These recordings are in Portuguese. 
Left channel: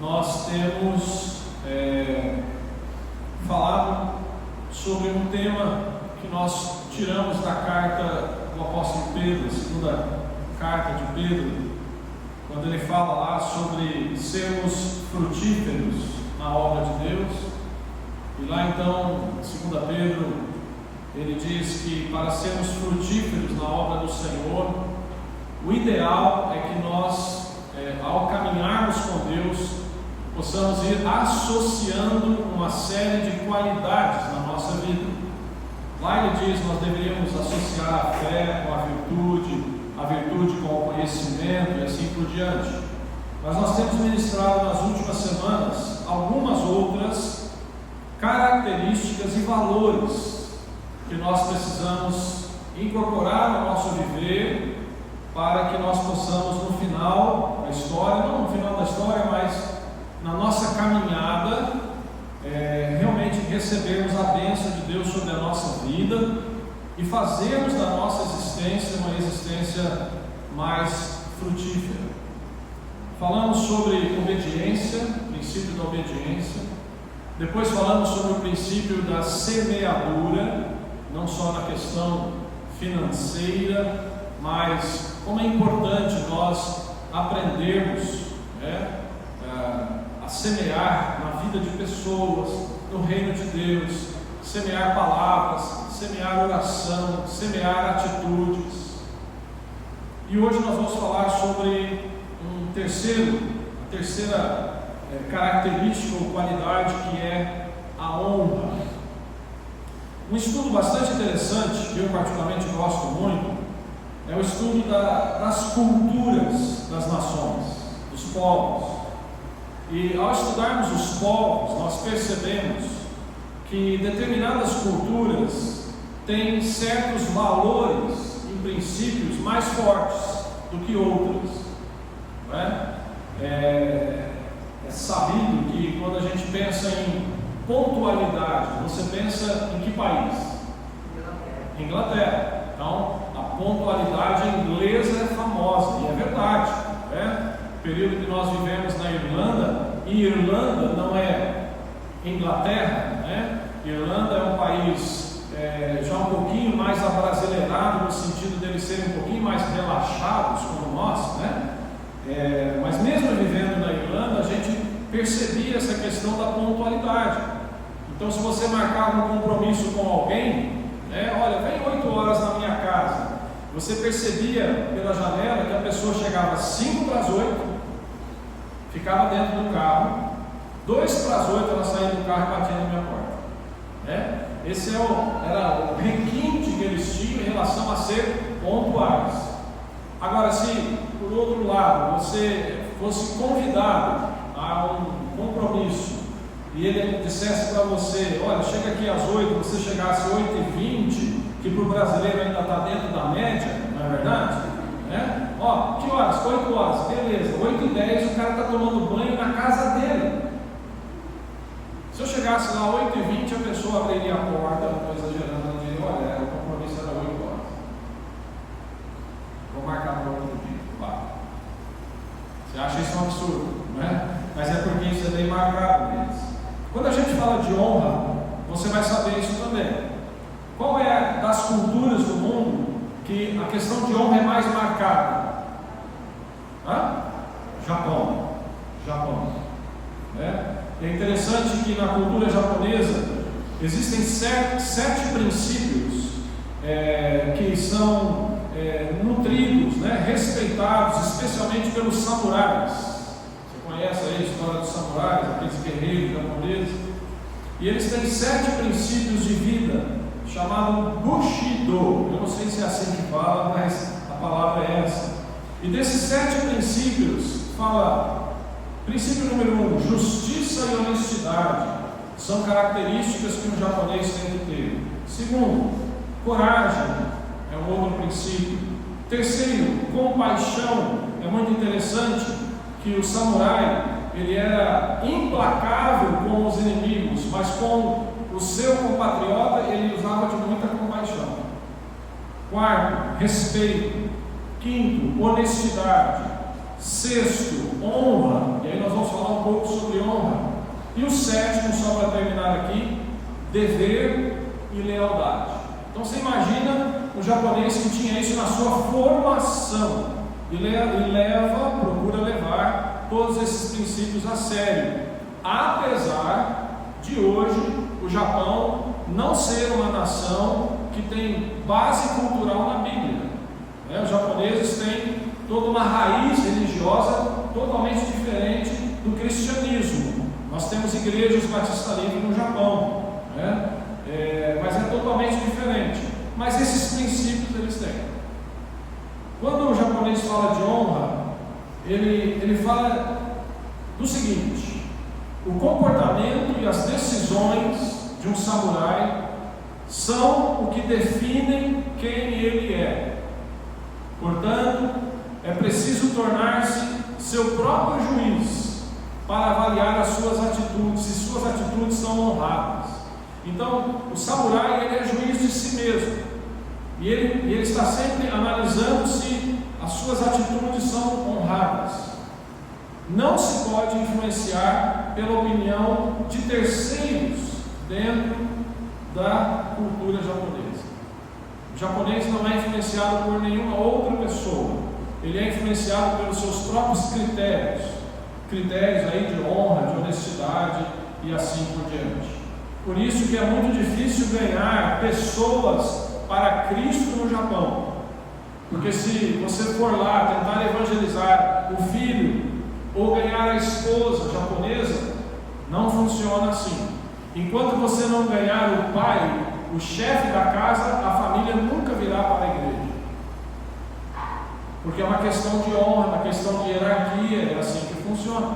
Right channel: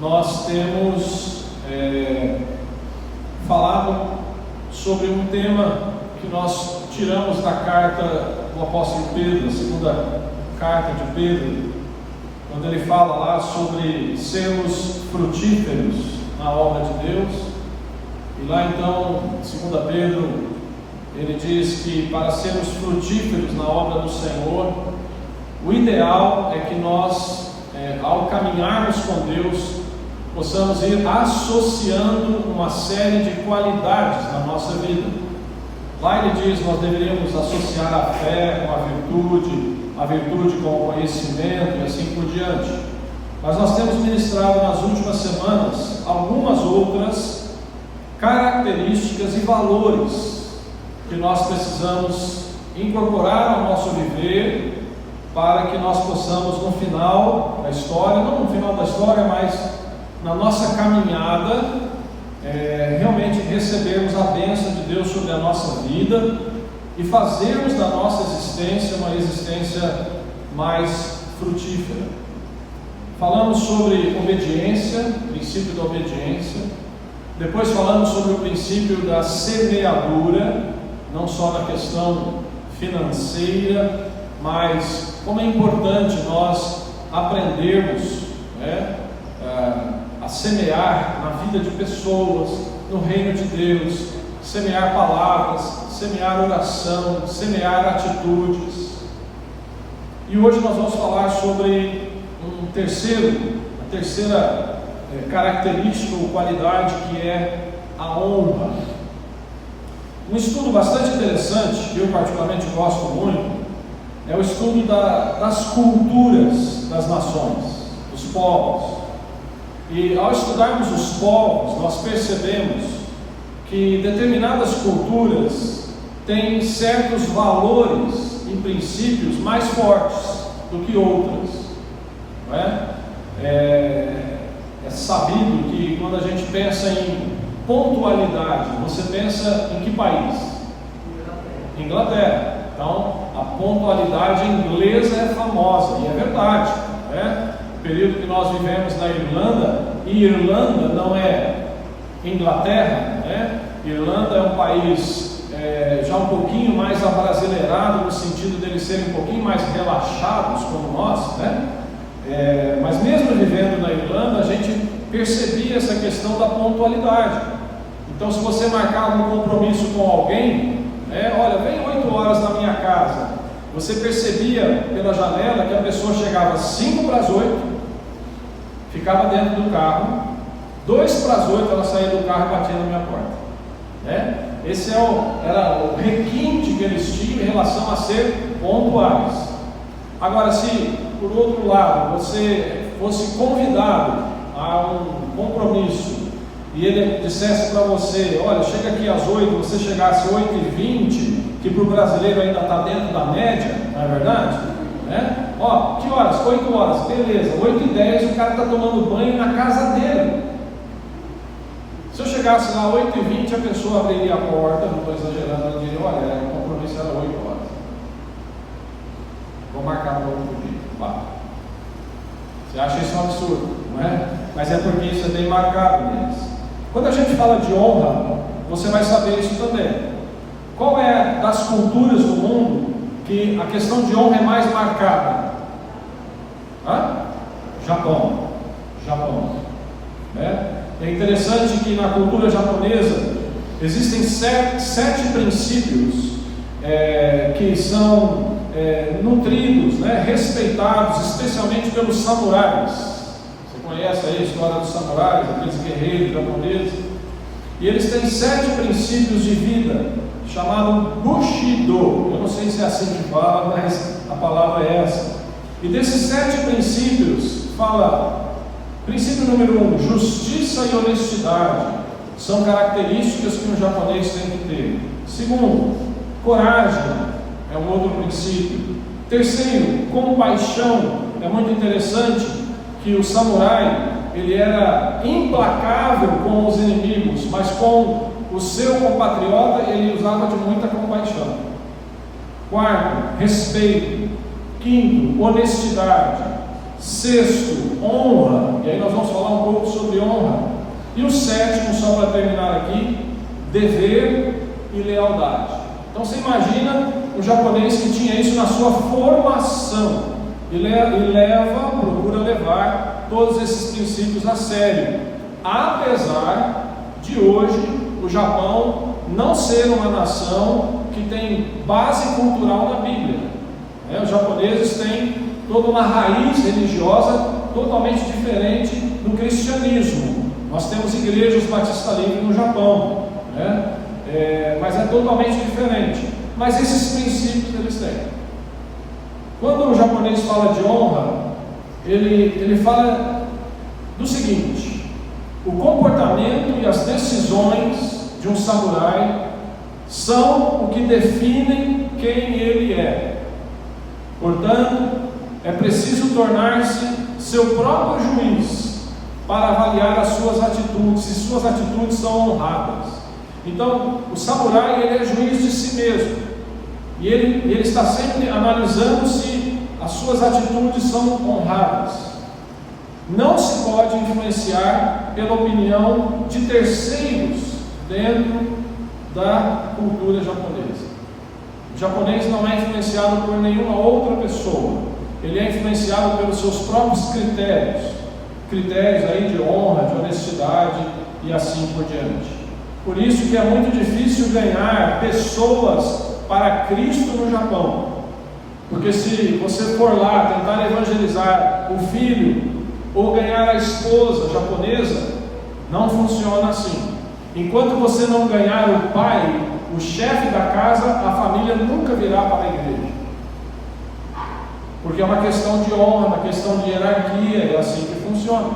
nós temos falado sobre um tema que nós tiramos da carta do apóstolo Pedro, a segunda carta de Pedro, quando ele fala lá sobre sermos frutíferos na obra de Deus. E lá então, em 2 Pedro, ele diz que para sermos frutíferos na obra do Senhor, o ideal é que nós, ao caminharmos com Deus, possamos ir associando uma série de qualidades na nossa vida. Lá ele diz que nós deveríamos associar a fé com a virtude com o conhecimento e assim por diante. Mas nós temos ministrado nas últimas semanas algumas outras características e valores que nós precisamos incorporar ao nosso viver, para que nós possamos no final da história, não no final da história, mas na nossa caminhada, realmente recebermos a bênção de Deus sobre a nossa vida e fazermos da nossa existência uma existência mais frutífera. Falamos sobre obediência, princípio da obediência. Depois falamos sobre o princípio da semeadura, não só na questão financeira, mas como é importante nós aprendermos a semear na vida de pessoas, no reino de Deus, semear palavras, semear oração, semear atitudes. E hoje nós vamos falar sobre a terceira característica ou qualidade, que é a honra. Um estudo bastante interessante, que eu particularmente gosto muito, é o estudo das culturas das nações, dos povos. E ao estudarmos os povos, nós percebemos que determinadas culturas têm certos valores e princípios mais fortes do que outras, não é? É sabido que quando a gente pensa em pontualidade, você pensa em que país? Inglaterra. Então, a pontualidade inglesa é famosa, e é verdade, né? O período que nós vivemos na Irlanda, e Irlanda não é Inglaterra, né? Irlanda é um país já um pouquinho mais abrasileirado, no sentido deles serem um pouquinho mais relaxados como nós, né? Mas mesmo vivendo na Irlanda, a gente percebia essa questão da pontualidade. Então, se você marcava um compromisso com alguém, olha, vem 8 horas na minha casa, você percebia pela janela que a pessoa chegava às 5 para as 8, ficava dentro do carro, 2 para as 8 ela saía do carro e batia na minha porta. Esse era o requinte que eles tinham em relação a ser pontuais. Agora, se por outro lado você fosse convidado a um compromisso e ele dissesse para você, olha, chega aqui às 8, você chegasse às 8h20, que para o brasileiro ainda está dentro da média, não é verdade? Que horas? 8 horas, beleza, 8h10 o cara está tomando banho na casa dele. Se eu chegasse lá às 8h20, a pessoa abriria a porta, não estou exagerando, ela diria, olha, o compromisso era 8 horas, vou marcar no outro dia. Você acha isso um absurdo, não é? Mas é porque isso é bem marcado neles. Quando a gente fala de honra, você vai saber isso também. Qual é das culturas do mundo que a questão de honra é mais marcada? Japão. É interessante que na cultura japonesa existem 7 princípios que são nutridos, respeitados, especialmente pelos samurais. Conhece aí a história dos samurais, aqueles guerreiros japoneses, e eles têm 7 princípios de vida, chamado Bushido. Eu não sei se é assim que fala, mas a palavra é essa. E desses 7 princípios, fala, princípio número 1, justiça e honestidade, são características que um japonês tem que ter. Segundo, coragem, é um outro princípio. Terceiro, compaixão. É muito interessante que o samurai, ele era implacável com os inimigos, mas com o seu compatriota ele usava de muita compaixão. Quarto, respeito. Quinto, honestidade. Sexto, honra. E aí nós vamos falar um pouco E o sétimo, só para terminar aqui, dever e lealdade. Então você imagina um japonês que tinha isso na sua formação e procura levar todos esses princípios a sério, apesar de hoje o Japão não ser uma nação que tem base cultural na Bíblia. Os japoneses têm toda uma raiz religiosa totalmente diferente do cristianismo. Nós temos igrejas Batista Livre no Japão, mas é totalmente diferente. Mas esses princípios eles têm. Quando o japonês fala de honra, ele fala do seguinte: o comportamento e as decisões de um samurai são o que definem quem ele é. Portanto, é preciso tornar-se seu próprio juiz para avaliar as suas atitudes, se suas atitudes são honradas. Então, o samurai ele é juiz de si mesmo, e ele está sempre analisando se as suas atitudes são honradas. Não se pode influenciar pela opinião de terceiros dentro da cultura japonesa. O japonês não é influenciado por nenhuma outra pessoa, ele é influenciado pelos seus próprios critérios aí de honra, de honestidade e assim por diante. Por isso que é muito difícil ganhar pessoas para Cristo no Japão, porque se você for lá tentar evangelizar o filho ou ganhar a esposa japonesa, não funciona assim. Enquanto você não ganhar o pai, o chefe da casa, a família nunca virá para a igreja, porque é uma questão de honra, uma questão de hierarquia, é assim que funciona.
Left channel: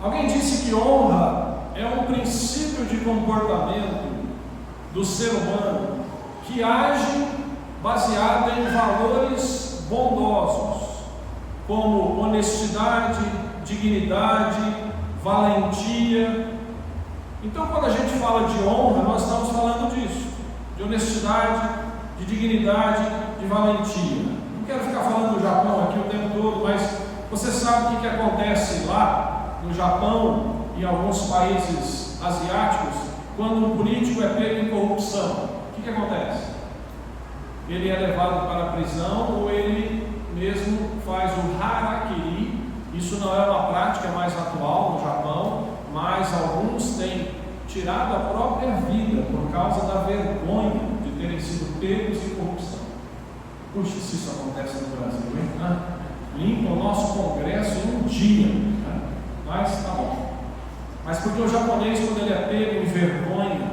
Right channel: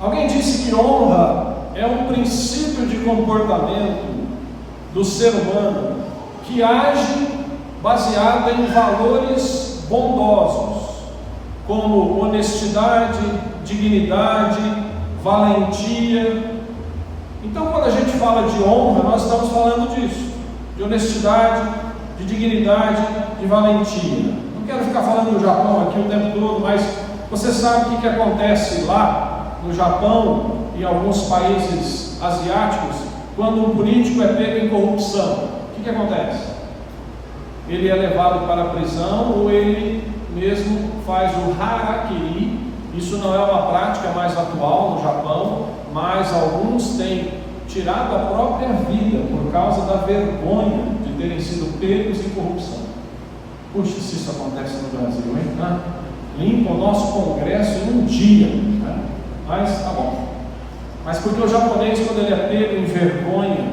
Alguém disse que honra é um princípio de comportamento do ser humano que age baseado em valores bondosos, como honestidade, dignidade, valentia. Então, quando a gente fala de honra, nós estamos falando disso, de honestidade, de dignidade, de valentia. Não quero ficar falando do Japão aqui o tempo todo, mas você sabe o que acontece lá no Japão e em alguns países asiáticos quando um político é pego em corrupção? O que acontece? Ele é levado para a prisão ou ele mesmo faz o harakiri. Isso não é uma prática mais atual no Japão, mas alguns têm tirado a própria vida por causa da vergonha de terem sido pegos em corrupção. Puxa, se isso acontece no Brasil, hein? Limpa o nosso Congresso em um dia, né? Mas tá bom. Mas porque o japonês, quando ele é pego em vergonha,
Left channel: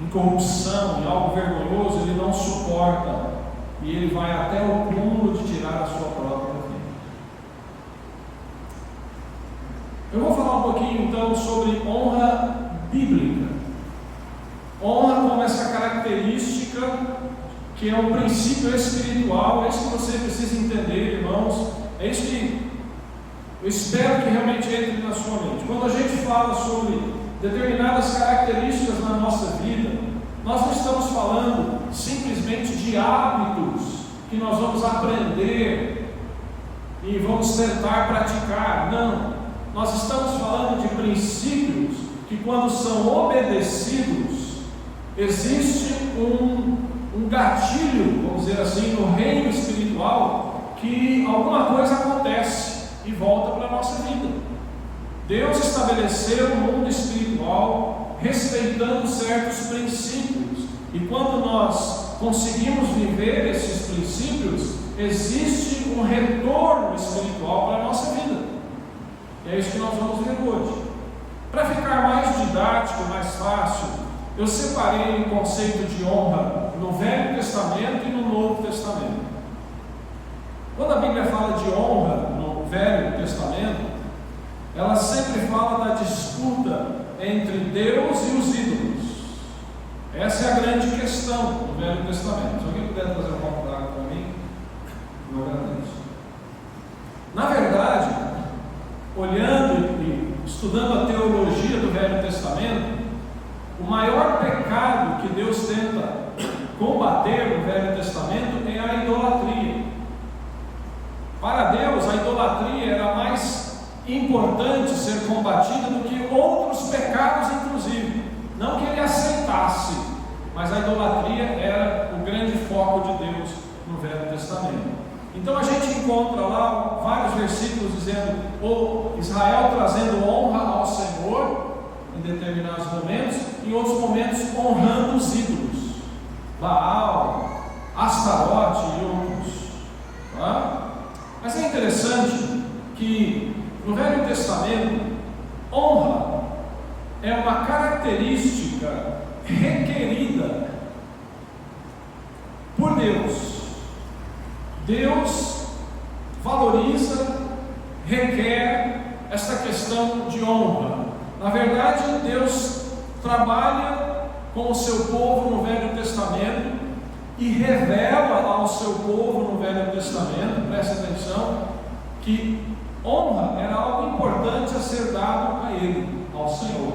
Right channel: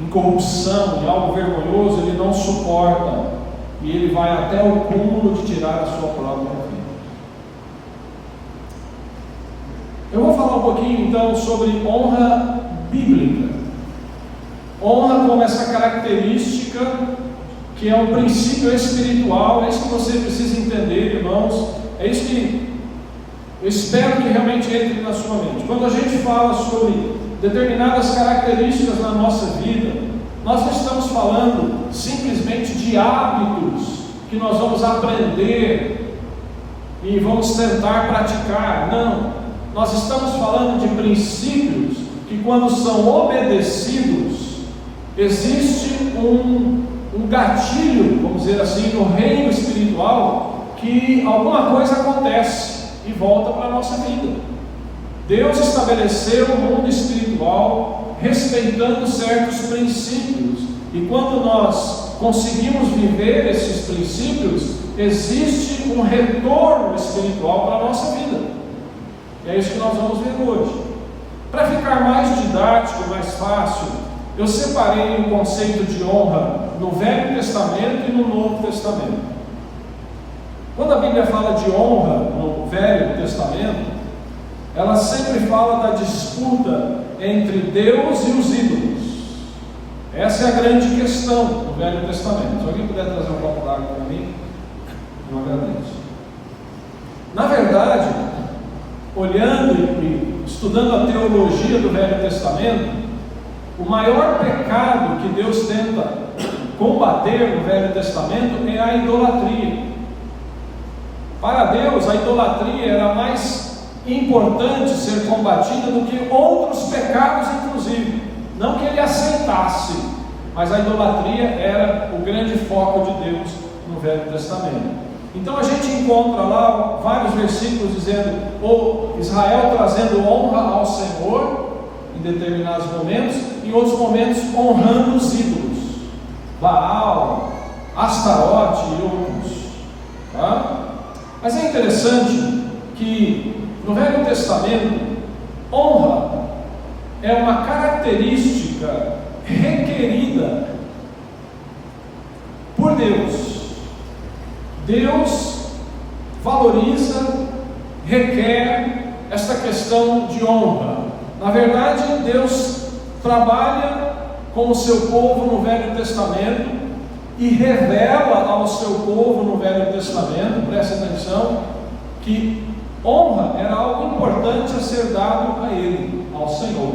em corrupção, em algo vergonhoso, ele não suporta e ele vai até o cúmulo de tirar a sua própria vida. Eu vou falar um pouquinho então sobre honra bíblica. Honra como essa característica que é um princípio espiritual. É isso que você precisa entender, irmãos. É isso que eu espero que realmente entre na sua mente. Quando a gente fala sobre determinadas características na nossa vida, nós não estamos falando simplesmente de hábitos que nós vamos aprender e vamos tentar praticar. Não, nós estamos falando de princípios que, quando são obedecidos, existe um gatilho, vamos dizer assim, no reino espiritual, que alguma coisa acontece e volta para a nossa vida. Deus estabeleceu o mundo espiritual respeitando certos princípios, e quando nós conseguimos viver esses princípios, existe um retorno espiritual para a nossa vida. E é isso que nós vamos ver hoje. Para ficar mais didático, mais fácil, eu separei um conceito de honra no Velho Testamento e no Novo Testamento. Quando a Bíblia fala de honra no Velho Testamento, ela sempre fala da disputa entre Deus e os ídolos. Essa é a grande questão do Velho Testamento. Se alguém puder trazer um copo d'água para mim, eu agradeço. Na verdade, olhando e estudando a teologia do Velho Testamento, o maior pecado que Deus tenta combater no Velho Testamento é a idolatria. Para Deus, a idolatria era mais importante ser combatida do que outros pecados, inclusive. Não que ele aceitasse, mas a idolatria era o grande foco de Deus no Velho Testamento. Então a gente encontra lá vários versículos dizendo, ou Israel trazendo honra ao Senhor em determinados momentos, em outros momentos honrando os ídolos, Baal, Astarote e outros. Tá? Mas é interessante que no Velho Testamento, honra é uma característica requerida por Deus. Deus valoriza, requer esta questão de honra. Na verdade, Deus trabalha com o seu povo no Velho Testamento e revela ao seu povo no Velho Testamento, preste atenção, que honra era algo importante a ser dado a Ele, ao Senhor.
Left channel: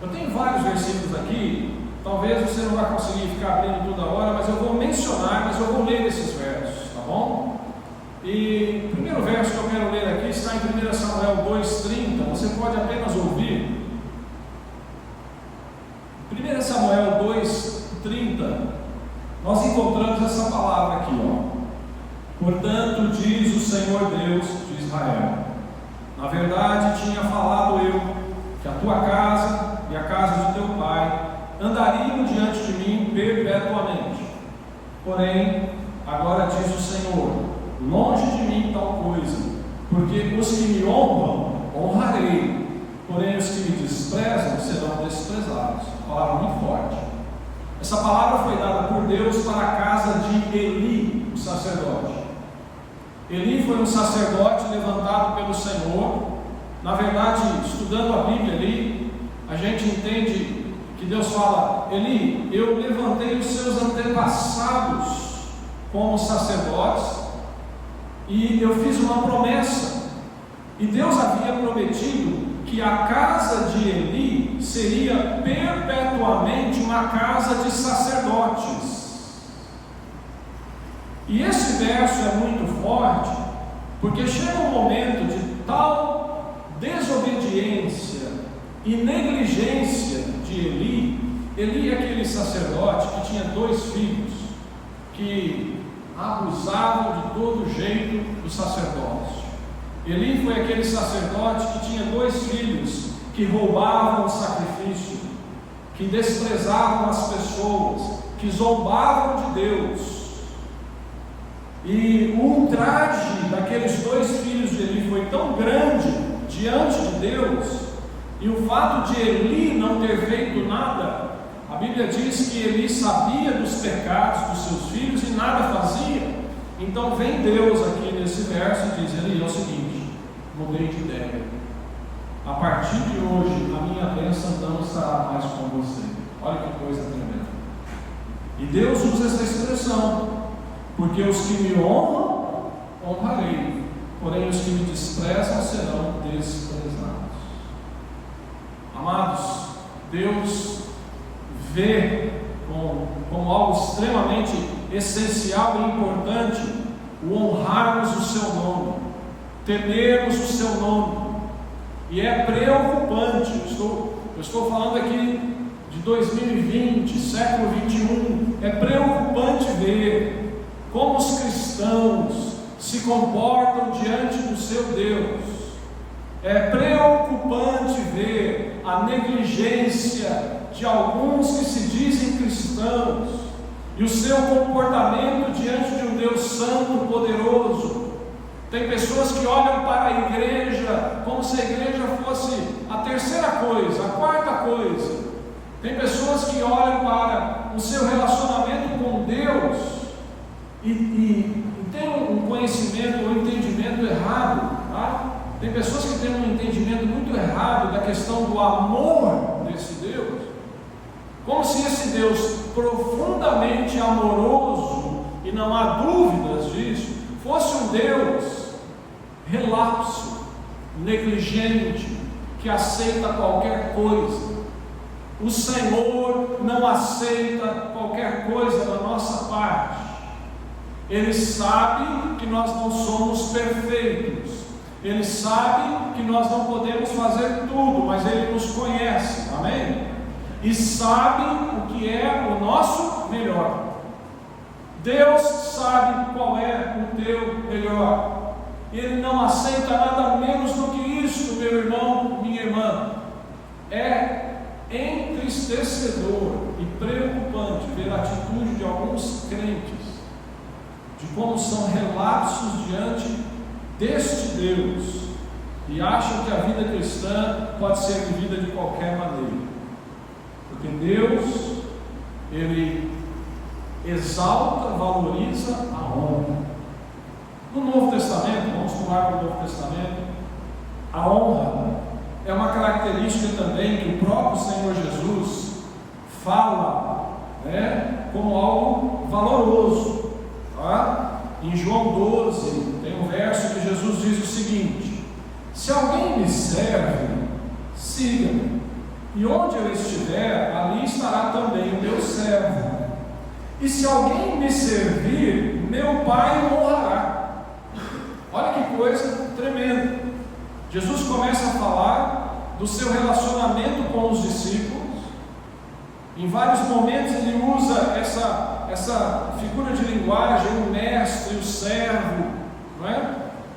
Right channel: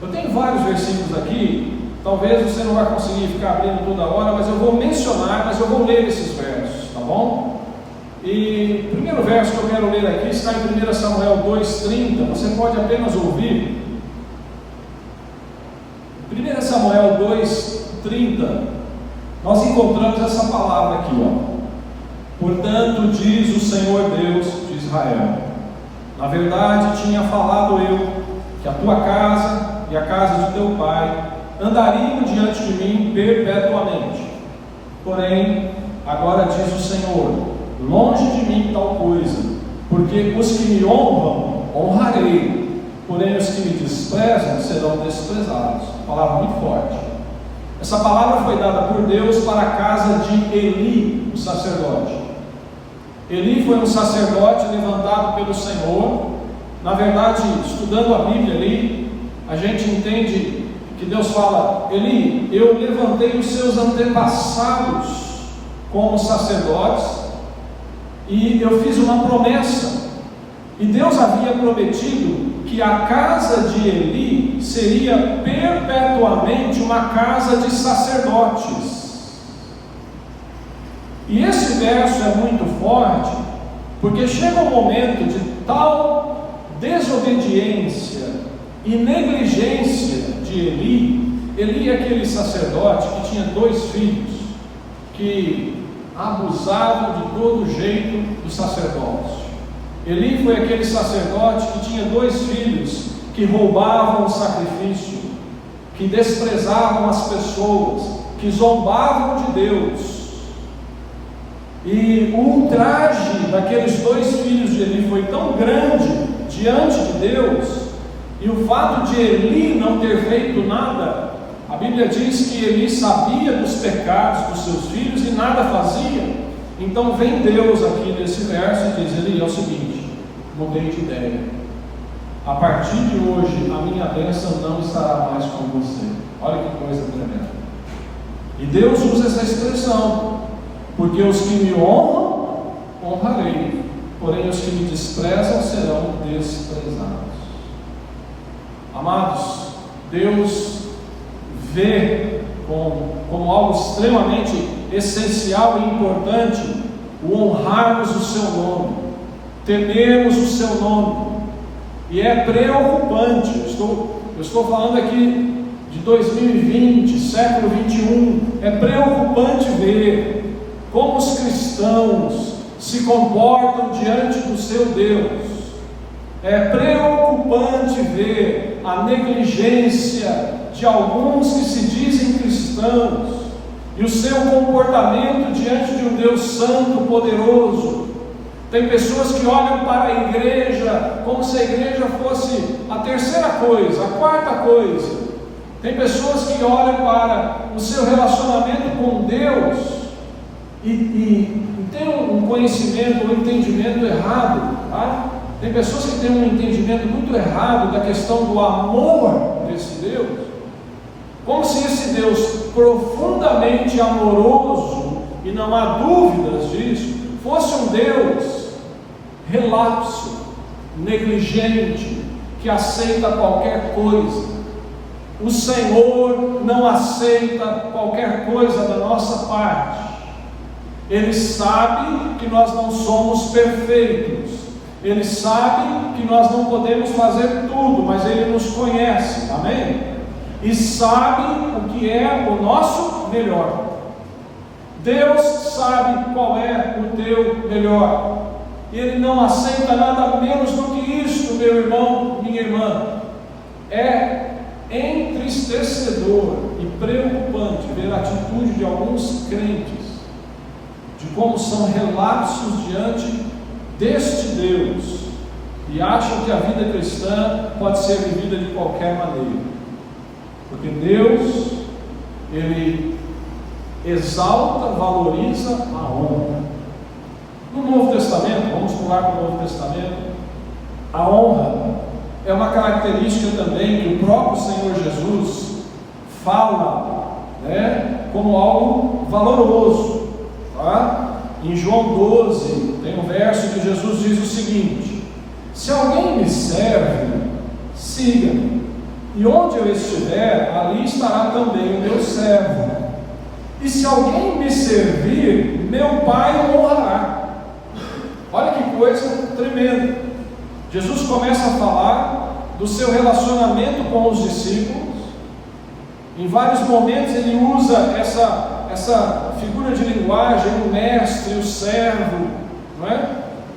Eu tenho vários versículos aqui. Talvez você não vai conseguir ficar abrindo toda hora, mas eu vou mencionar, mas eu vou ler esses versos, tá bom? E o primeiro verso que eu quero ler aqui está em 1 Samuel 2,30, você pode apenas ouvir. 1 Samuel 2,30, nós encontramos essa palavra aqui, ó. Portanto, diz o Senhor Deus de Israel: na verdade tinha falado eu, que a tua casa e a casa de teu pai andariam diante de mim perpetuamente. Porém, agora diz o Senhor: longe de mim tal coisa, porque os que me honram, honrarei, porém os que me desprezam serão desprezados. Palavra muito forte. Essa palavra foi dada por Deus para a casa de Eli, o sacerdote. Eli foi um sacerdote levantado pelo Senhor. Na verdade, estudando a Bíblia ali, a gente entende que Deus fala: Eli, eu levantei os seus antepassados como sacerdotes e eu fiz uma promessa, e Deus havia prometido que a casa de Eli seria perpetuamente uma casa de sacerdotes. E esse verso é muito forte, porque chega um momento de tal desobediência e negligência de Eli. Eli é aquele sacerdote que tinha 2 filhos, que abusavam de todo jeito do sacerdócio. Eli foi aquele sacerdote que tinha 2 filhos que roubavam o sacrifício, que desprezavam as pessoas, que zombavam de Deus. E o ultraje daqueles 2 filhos de Eli foi tão grande diante de Deus, e o fato de Eli não ter feito nada, a Bíblia diz que Eli sabia dos pecados dos seus filhos e nada fazia. Então vem Deus aqui nesse verso e diz: Eli, é o seguinte, mudei de ideia. A partir de hoje a minha bênção não estará mais com você. Olha que coisa tremenda. E Deus usa essa expressão: porque os que me honram, honrarei, porém os que me desprezam serão desprezados. Amados, Deus vê como algo extremamente essencial e importante o honrarmos o seu nome, temermos o seu nome. E é preocupante. Eu estou falando aqui de 2020, século 21. É preocupante ver como os cristãos se comportam diante do seu Deus. É preocupante ver a negligência de alguns que se dizem cristãos e o seu comportamento diante de um Deus santo, poderoso. Tem pessoas que olham para a igreja como se a igreja fosse a terceira coisa, a quarta coisa. Tem pessoas que olham para o seu relacionamento com Deus e tem um conhecimento, um entendimento errado, tá? Tem pessoas que têm um entendimento muito errado da questão do amor desse Deus, como se esse Deus profundamente amoroso, e não há dúvidas disso, fosse um Deus relapso, negligente, que aceita qualquer coisa. O Senhor não aceita qualquer coisa da nossa parte. Ele sabe que nós não somos perfeitos. Ele sabe que nós não podemos fazer tudo, mas Ele nos conhece, amém? E sabe o que é o nosso melhor. Deus sabe qual é o teu melhor. Ele não aceita nada menos do que isso, meu irmão, minha irmã. É entristecedor e preocupante ver a atitude de alguns crentes, de como são relapsos diante deste Deus, e acham que a vida cristã pode ser vivida de qualquer maneira, porque Deus, Ele exalta, valoriza a honra. No Novo Testamento, vamos pular para o Novo Testamento, a honra é uma característica também que o próprio Senhor Jesus fala, como algo valoroso, tá? Em João 12, tem um verso que Jesus diz o seguinte: se alguém me serve, siga-me, e onde eu estiver, ali estará também o meu servo. E se alguém me servir, meu Pai o honrará. Olha que coisa tremenda. Jesus começa a falar do seu relacionamento com os discípulos. Em vários momentos ele usa essa figura de linguagem, o mestre, o servo, não é?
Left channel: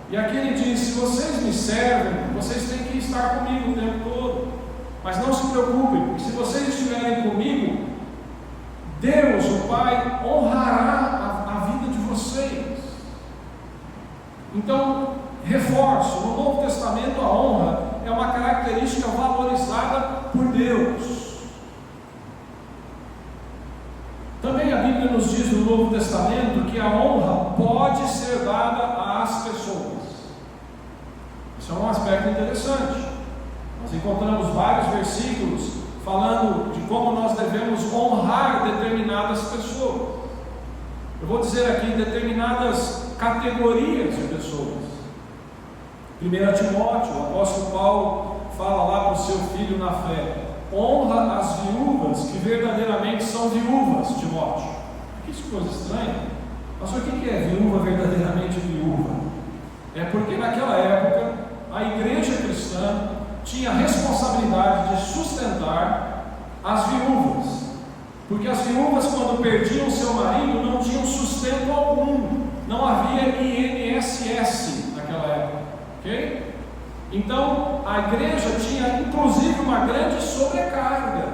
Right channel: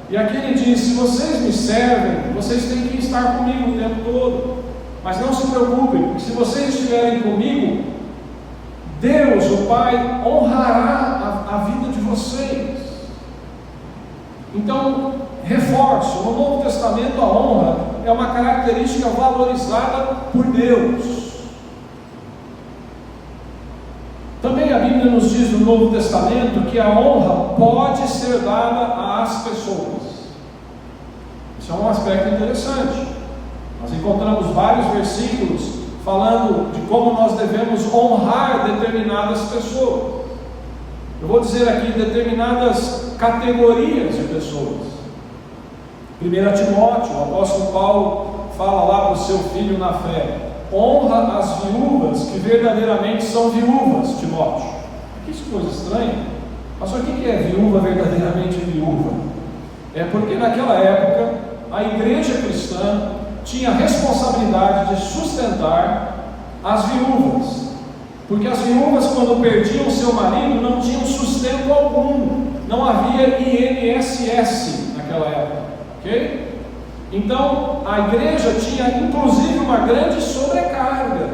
E aqui ele diz: se vocês me servem, vocês têm que estar comigo o tempo todo, mas não se preocupem, porque se vocês estiverem comigo, Deus, o Pai, honrará a vida de vocês. Então, reforço, no Novo Testamento a honra é uma característica valorizada por Deus. Também a Bíblia nos diz no Novo Testamento que a honra pode ser dada às pessoas. Isso é um aspecto interessante. Nós encontramos vários versículos falando de como nós devemos honrar determinadas pessoas. Eu vou dizer aqui determinadas categorias de pessoas. 1 Timóteo, o apóstolo Paulo fala lá para o seu filho na fé: honra as viúvas que verdadeiramente são viúvas, Timóteo. Que coisa estranha. Mas o que é viúva verdadeiramente viúva? É porque naquela época a igreja cristã tinha a responsabilidade de sustentar as viúvas, porque as viúvas, quando perdiam seu marido, não tinham sustento algum, não havia INSS naquela época, ok? Então a igreja tinha inclusive uma grande sobrecarga,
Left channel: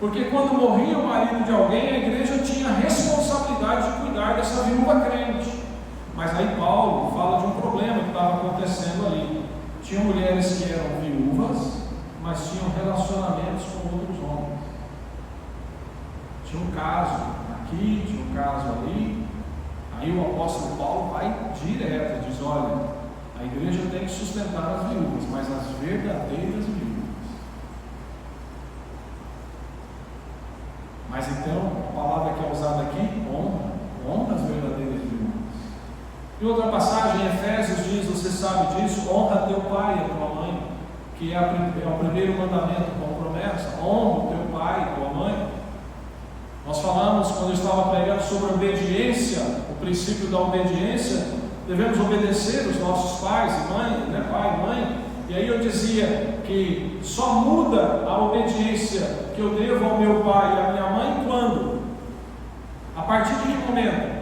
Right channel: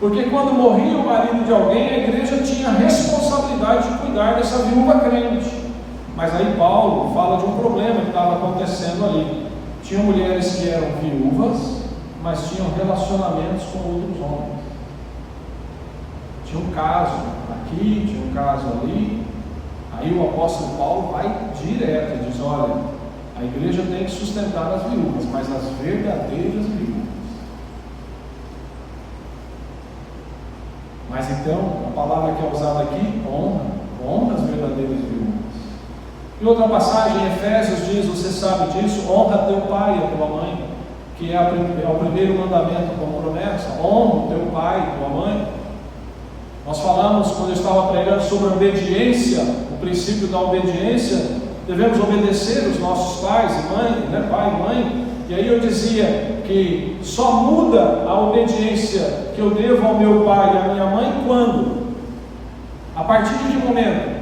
porque quando morria o marido de alguém, a igreja tinha a responsabilidade de cuidar dessa viúva crente. Mas aí Paulo fala de um problema que estava acontecendo ali. Tinham mulheres que eram viúvas, mas tinham relacionamentos com outros homens. Tinha um caso aqui, tinha um caso ali. Aí o apóstolo Paulo vai direto e diz: olha, a igreja tem que sustentar as viúvas, mas as verdadeiras viúvas. Mas então, a palavra que é usada aqui, honra as verdadeiras viúvas. E outra passagem, em Efésios, diz: você sabe disso, honra teu pai e a tua mãe, que é o primeiro mandamento com promessa. Honra o teu pai e tua mãe. Nós falamos, quando eu estava pregando sobre a obediência, o princípio da obediência, devemos obedecer os nossos pais e mãe, pai e mãe. E aí eu dizia que só muda a obediência que eu devo ao meu pai e à minha mãe quando? A partir de que momento?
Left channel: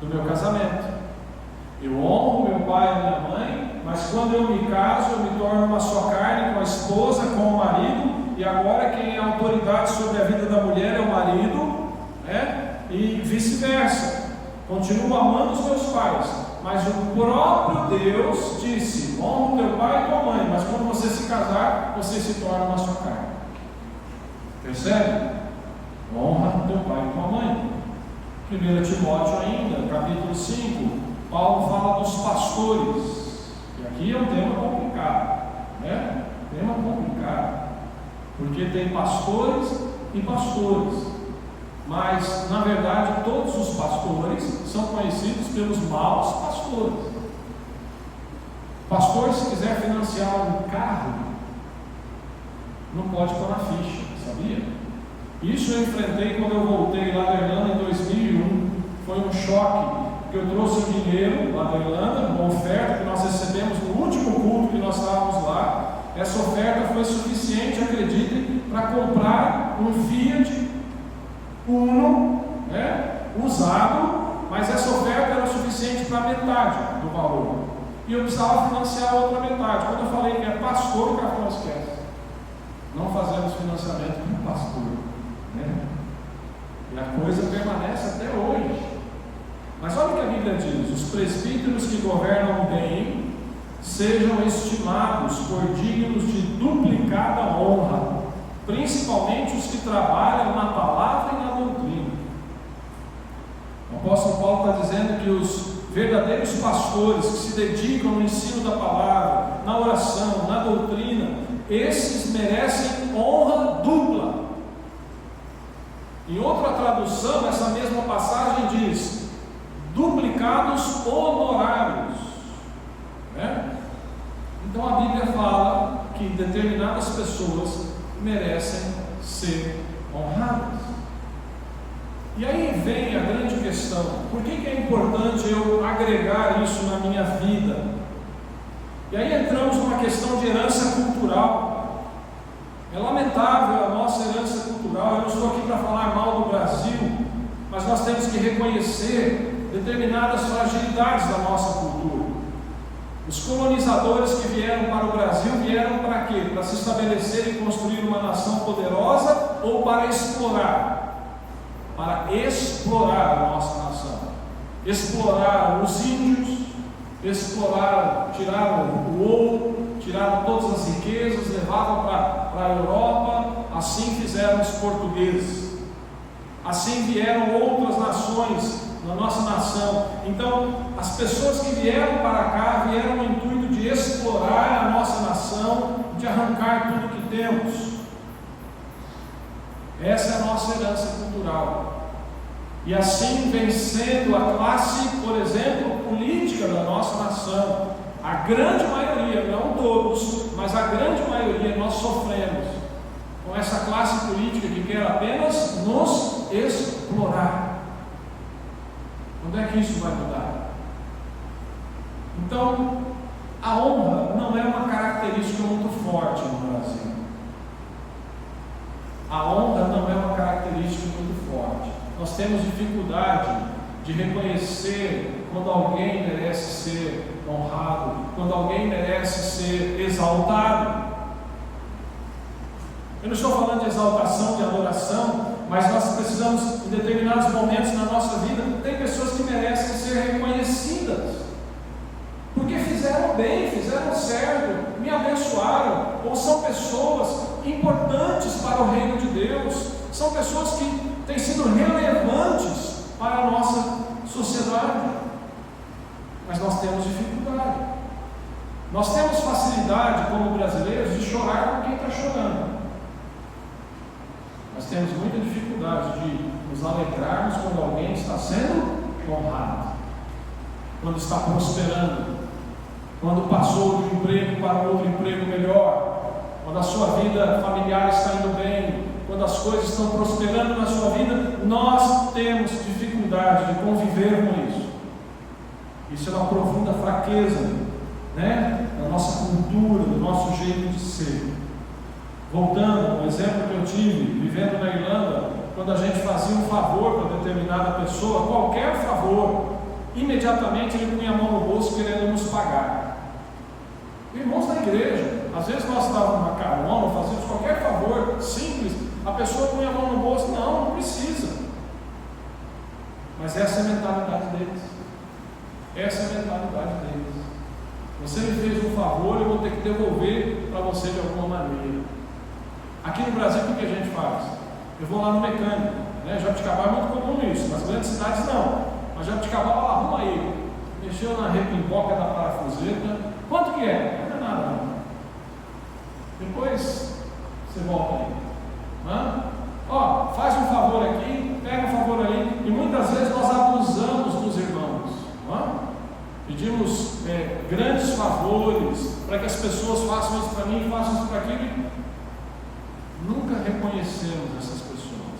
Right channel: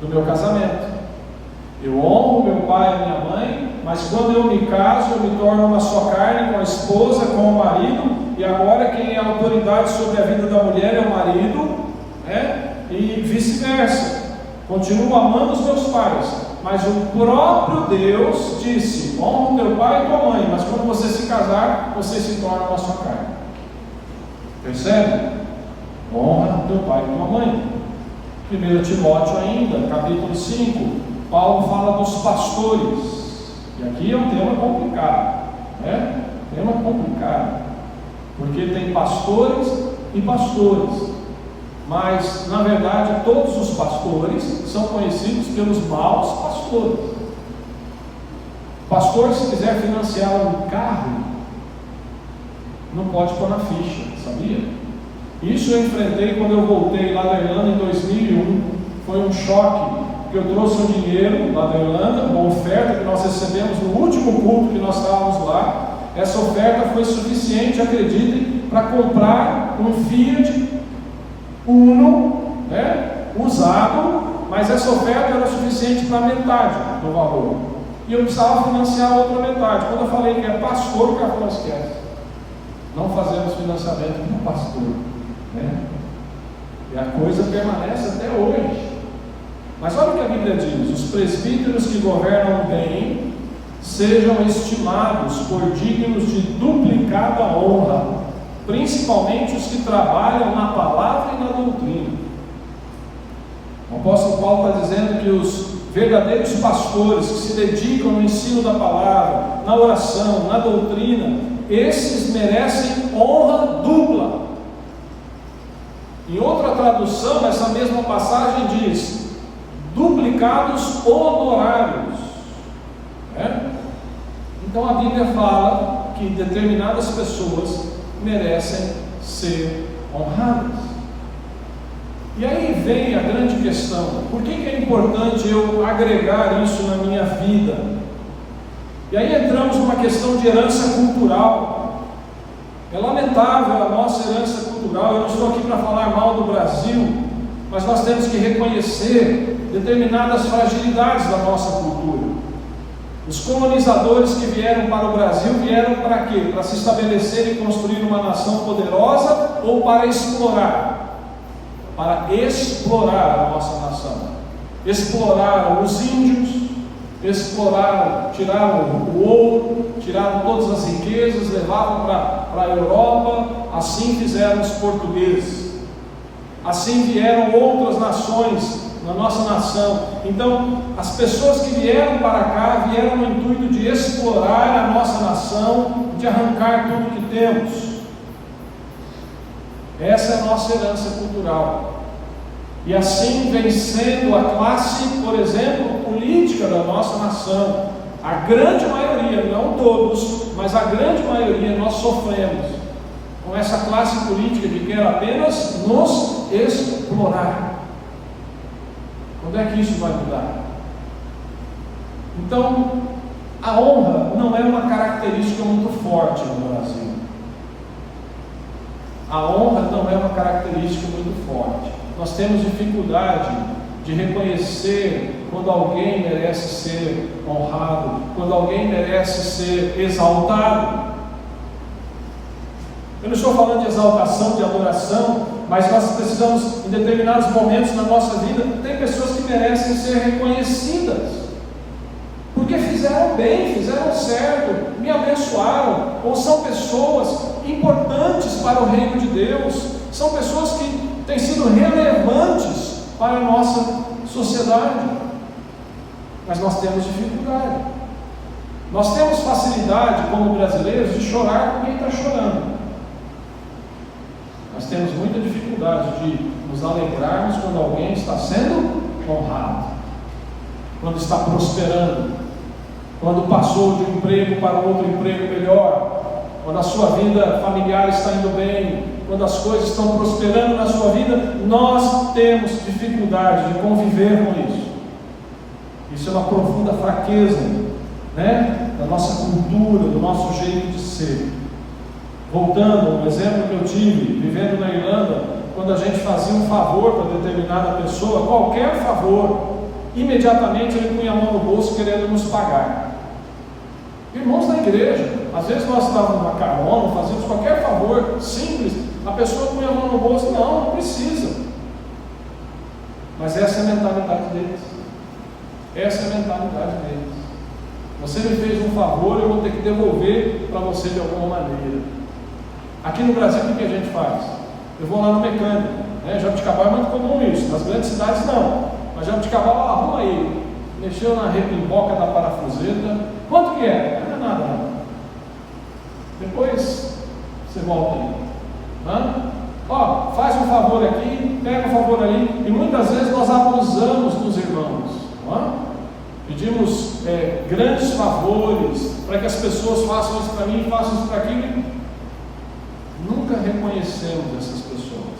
Do meu casamento. Eu honro meu pai e a minha mãe, mas quando eu me caso, eu me torno uma só carne com a esposa, com o marido, e agora quem é a autoridade sobre a vida da mulher é o marido, e vice-versa. Continuo amando os meus pais, mas o próprio Deus disse: honra teu pai e tua mãe, mas quando você se casar, você se torna uma só carne. Percebe? Honra teu pai e tua mãe. 1 Timóteo ainda, capítulo 5, Paulo fala dos pastores, e aqui é um tema complicado, tema complicado, porque tem pastores e pastores, mas na verdade todos os pastores são conhecidos pelos maus pastores. Pastor, se quiser financiar um carro, não pode pôr na ficha, sabia? Isso eu enfrentei quando eu voltei lá da Irlanda em 2001, foi um choque. porque eu trouxe um dinheiro lá da Irlanda, uma oferta que nós recebemos no último culto que nós estávamos lá. Essa oferta foi suficiente, acreditem, para comprar um Fiat Uno, usado, mas essa oferta era suficiente para metade do valor. E eu precisava financiar a outra metade. Quando eu falei que é pastor, o cara falou: esquece, não fazemos financiamento com pastor, E a coisa permanece até hoje. Mas olha o que a Bíblia diz: os presbíteros que governam bem sejam estimados por dignos de duplicada honra, principalmente os que trabalham na palavra e na doutrina. O apóstolo Paulo está dizendo que os verdadeiros pastores que se dedicam no ensino da palavra, na oração, na doutrina, esses merecem honra dupla. Em outra tradução, essa mesma passagem diz: duplicados honorários. Então a Bíblia fala que determinadas pessoas merecem ser honradas. E aí vem a grande questão: por que é importante eu agregar isso na minha vida? E aí entramos numa questão de herança cultural. É lamentável a nossa herança cultural. Eu não estou aqui para falar mal do Brasil, mas nós temos que reconhecer determinadas fragilidades da nossa cultura. Os colonizadores que vieram para o Brasil vieram para quê? Para se estabelecer e construir uma nação poderosa, ou para explorar? Para explorar a nossa nação. Exploraram os índios, exploraram, tiraram o ouro, tiraram todas as riquezas, levavam para a Europa. Assim fizeram os portugueses. Assim vieram outras nações na nossa nação. Então, as pessoas que vieram para cá vieram no intuito de explorar a nossa nação, de arrancar tudo que temos. Essa é a nossa herança cultural. E assim vem sendo a classe, por exemplo, política da nossa nação. A grande maioria, não todos, mas a grande maioria, nós sofremos com essa classe política que quer apenas nos explorar. Quando é que isso vai mudar? Então, a honra não é uma característica muito forte no Brasil. A honra não é uma característica muito forte. Nós temos dificuldade de reconhecer quando alguém merece ser honrado, quando alguém merece ser exaltado. Eu não estou falando de exaltação, de adoração, mas nós precisamos, em determinados momentos na nossa vida, tem pessoas que merecem ser reconhecidas, porque fizeram bem, fizeram certo, me abençoaram, ou são pessoas importantes para o reino de Deus, são pessoas que têm sido relevantes para a nossa sociedade. Mas nós temos dificuldade, nós temos facilidade como brasileiros de chorar com quem está chorando. Nós temos muita dificuldade de nos alegrarmos quando alguém está sendo honrado, quando está prosperando, quando passou de um emprego para um outro emprego melhor, quando a sua vida familiar está indo bem, quando as coisas estão prosperando na sua vida. Nós temos dificuldade de conviver com isso. Isso é uma profunda fraqueza, da nossa cultura, do nosso jeito de ser. Voltando ao exemplo que eu tive, vivendo na Irlanda, quando a gente fazia um favor para determinada pessoa, qualquer favor, imediatamente ele punha a mão no bolso querendo nos pagar. Irmãos da igreja, às vezes nós estávamos numa carona, fazíamos qualquer favor simples, a pessoa punha a mão no bolso: não precisa. Mas essa é a mentalidade deles. Essa é a mentalidade deles. Você me fez um favor, eu vou ter que devolver para você de alguma maneira. Aqui no Brasil, o que a gente faz? Eu vou lá no mecânico, Jabuticabal é muito comum isso, nas grandes cidades não, mas Jabuticabal, arruma aí, mexeu na repimboca da parafuseta, quanto que é? Não é nada não. Depois você volta aí. Faz um favor aqui, pega um favor ali, e muitas vezes nós abusamos dos irmãos. Pedimos grandes favores para que as pessoas façam isso para mim, façam isso para aquilo. Nunca reconhecemos essas pessoas.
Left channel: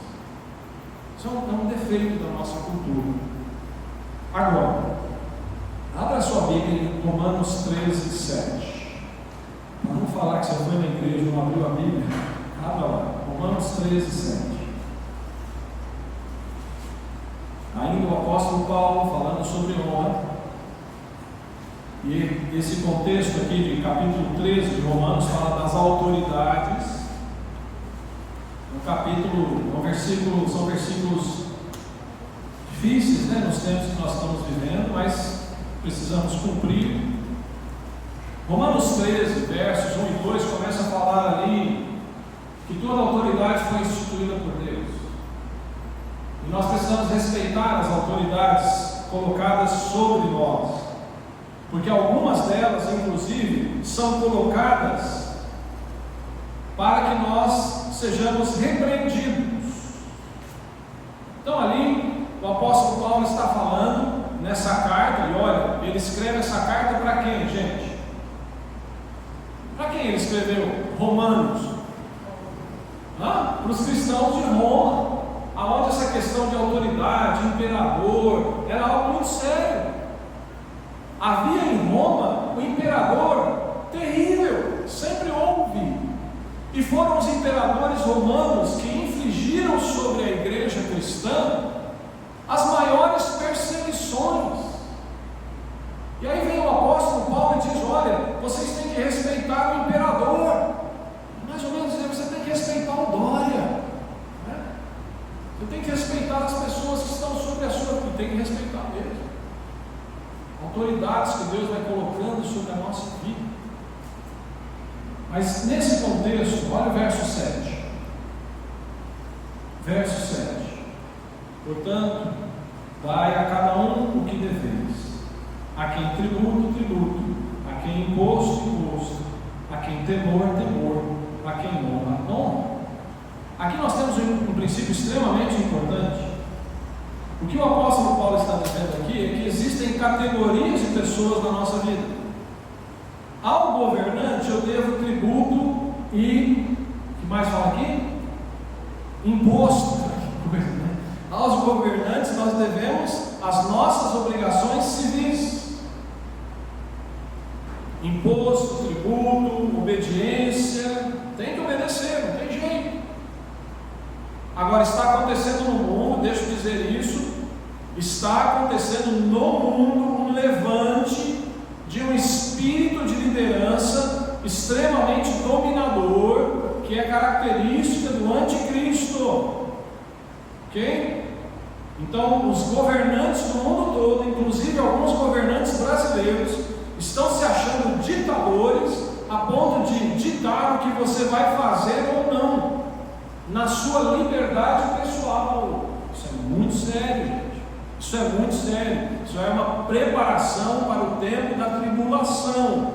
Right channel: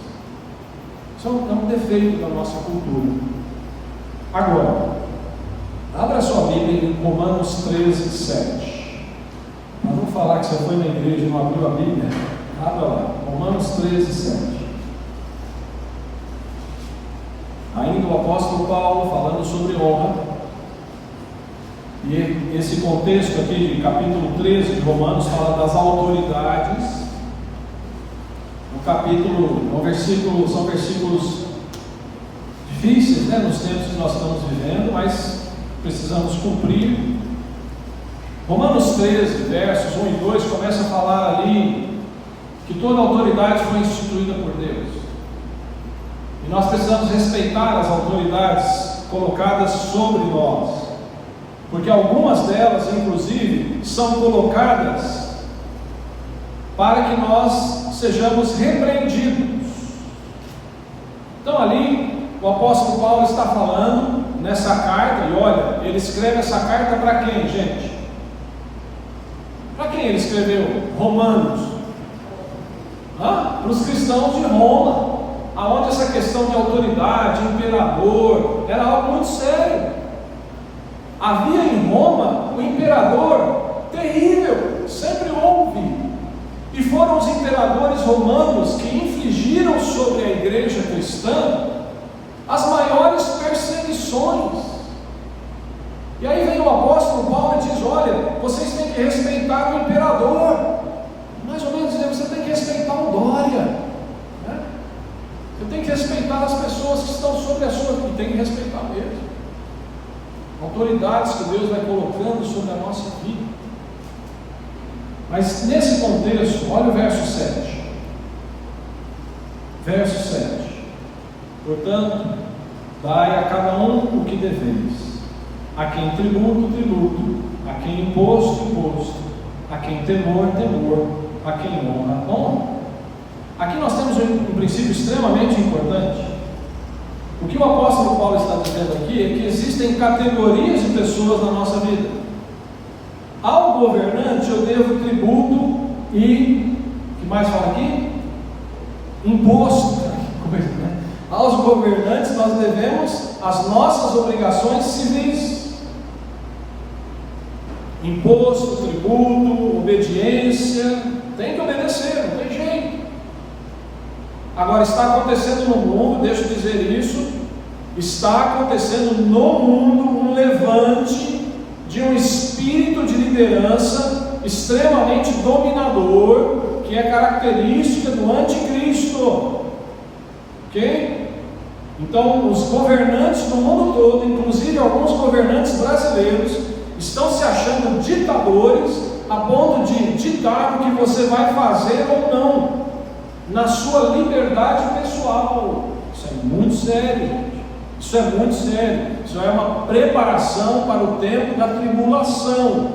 Isso é um defeito da nossa cultura. Agora, abra sua Bíblia em Romanos 13, 7. Para não falar que você foi na igreja e não abriu a Bíblia, abra lá, Romanos 13, 7. Ainda o apóstolo Paulo falando sobre honra. E esse contexto aqui de capítulo 13 de Romanos fala das autoridades. No capítulo, são versículos difíceis, né, nos tempos que nós estamos vivendo, mas precisamos cumprir. Romanos 13, versos 1 e 2, começa a falar ali que toda autoridade foi instituída por Deus. E nós precisamos respeitar as autoridades colocadas sobre nós, porque algumas delas, inclusive, são colocadas para que nós sejamos repreendidos. Então ali o apóstolo Paulo está falando nessa carta, e olha, ele escreve essa carta para quem, gente? Para quem ele escreveu? Romanos. Para os cristãos de Roma, aonde essa questão de autoridade, imperador, era algo muito sério. Havia em Roma um imperador terrível, sempre houve, e foram os imperadores romanos que infligiram sobre a igreja cristã as maiores perseguições. E aí vem o apóstolo Paulo e diz: olha, vocês têm que respeitar o imperador. Mais ou menos dizer, você tem que respeitar o Dória, né? Você tem que respeitar as pessoas que estão sobre a sua vida, tem que respeitar mesmo. Autoridades que Deus vai colocando sobre a nossa vida. Mas nesse contexto, olha o verso 7. Verso 7. Portanto, dai a cada um o que deveis. A quem tributo, tributo. A quem imposto, imposto. A quem temor, temor. A quem honra, honra. Aqui nós temos um princípio extremamente importante. O que o apóstolo Paulo está dizendo aqui é que existem categorias de pessoas na nossa vida. Ao governante eu devo tributo e, o que mais fala aqui? Imposto. Que coisa, né? Aos governantes nós devemos as nossas obrigações civis. Imposto, tributo, obediência, tem que obedecer, não tem jeito. Agora está acontecendo no mundo, deixa eu dizer isso, está acontecendo no mundo um levante de um espírito de liderança extremamente dominador, que é característica do anticristo. Ok? Então os governantes do mundo todo, inclusive alguns governantes brasileiros, estão se achando ditadores a ponto de ditar o que você vai fazer ou não na sua liberdade pessoal. Isso é muito sério, gente. Isso é muito sério. Isso é uma preparação para o tempo da tribulação,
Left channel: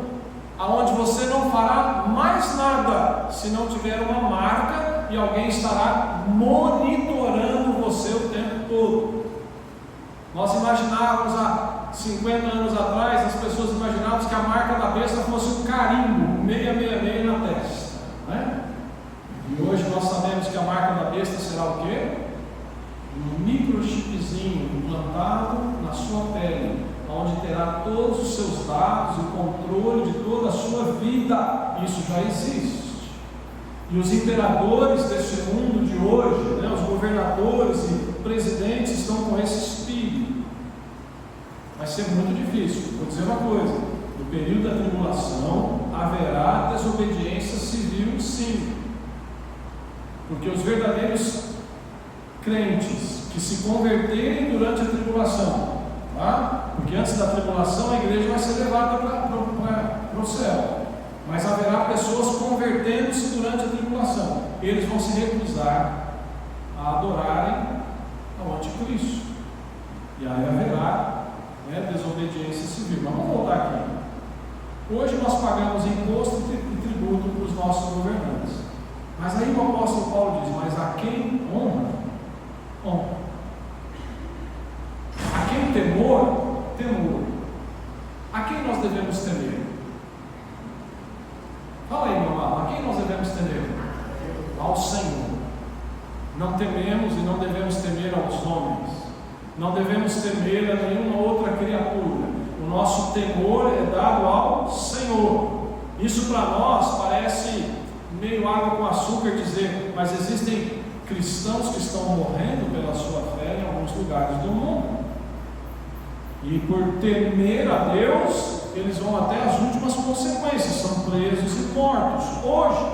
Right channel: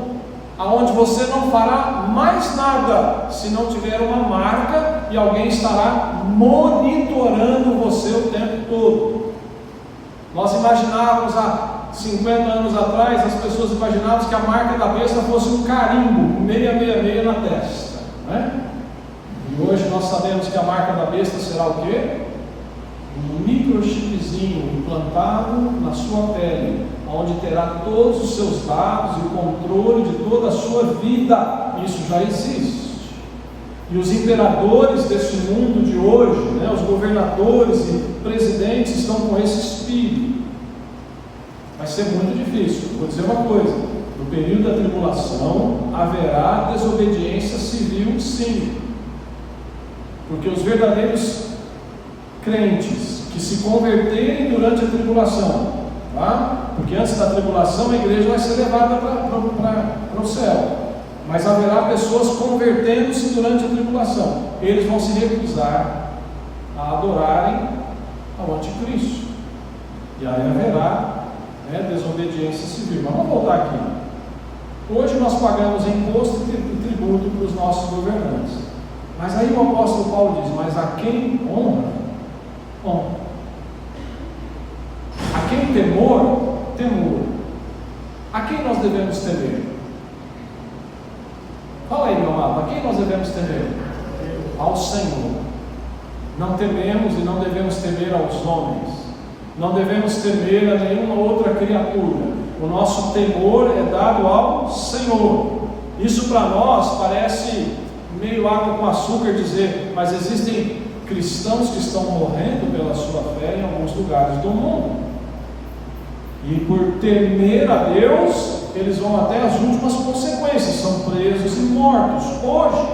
aonde você não fará mais nada se não tiver uma marca e alguém estará monitorando você o tempo todo. Nós imaginávamos há 50 anos atrás, as pessoas imaginavam que a marca da besta fosse um carimbo 666 na testa, né? E hoje nós sabemos que a marca da besta será o quê? Um microchipzinho implantado na sua pele, onde terá todos os seus dados e o controle de toda a sua vida. Isso já existe. E os imperadores desse mundo de hoje, né, os governadores e presidentes estão com esse espírito. Vai ser muito difícil. Vou dizer uma coisa: no período da tribulação haverá desobediência civil, sim. Porque os verdadeiros crentes que se converterem durante a tribulação, tá? Porque antes da tribulação a igreja vai ser levada para o céu, mas haverá pessoas convertendo-se durante a tribulação. Eles vão se recusar a adorarem ao anticristo, e aí haverá, né, desobediência civil. Mas vamos voltar aqui. Hoje nós pagamos imposto e tributo para os nossos governantes. Mas aí o apóstolo Paulo diz: mas a quem honra, honra. A quem temor, temor. A quem nós devemos temer? Fala aí, meu amado, a quem nós devemos temer? Ao Senhor. Não tememos e não devemos temer aos homens. Não devemos temer a nenhuma outra criatura. O nosso temor é dado ao Senhor. Isso para nós parece meio água com açúcar dizer, mas existem cristãos que estão morrendo pela sua fé em alguns lugares do mundo. E por temer a Deus, eles vão até as últimas consequências, são presos e mortos hoje.